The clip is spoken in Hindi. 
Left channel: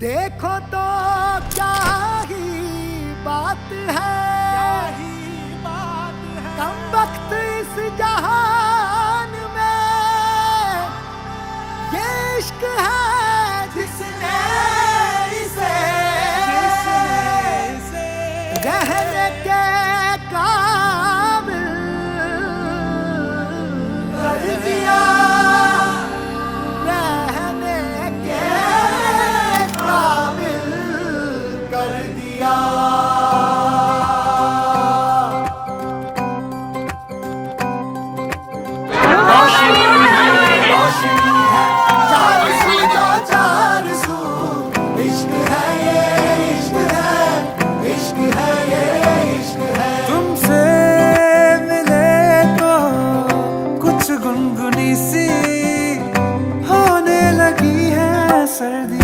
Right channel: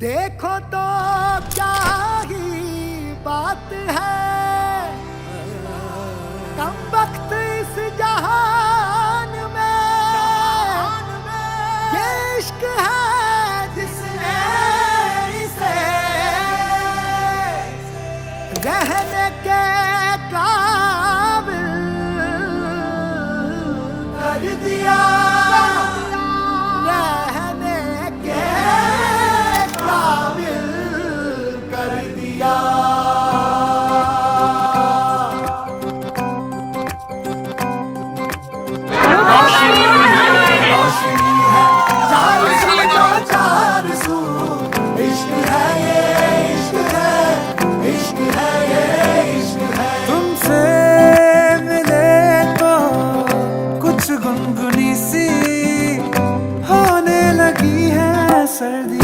देखो तो क्या ही बात है, कम वक्त इस जहान में ये इश्क है जिसने इसे रहने के काबिल कर दिया, रहने के काबिल कर दिया। रोशनी है चार सू जो चार सू, इश्क है ये इश्क है, इश्क है ये इश्क है। तुमसे मिले तो कुछ गुनगुनी सी होने लगी है सर्दी।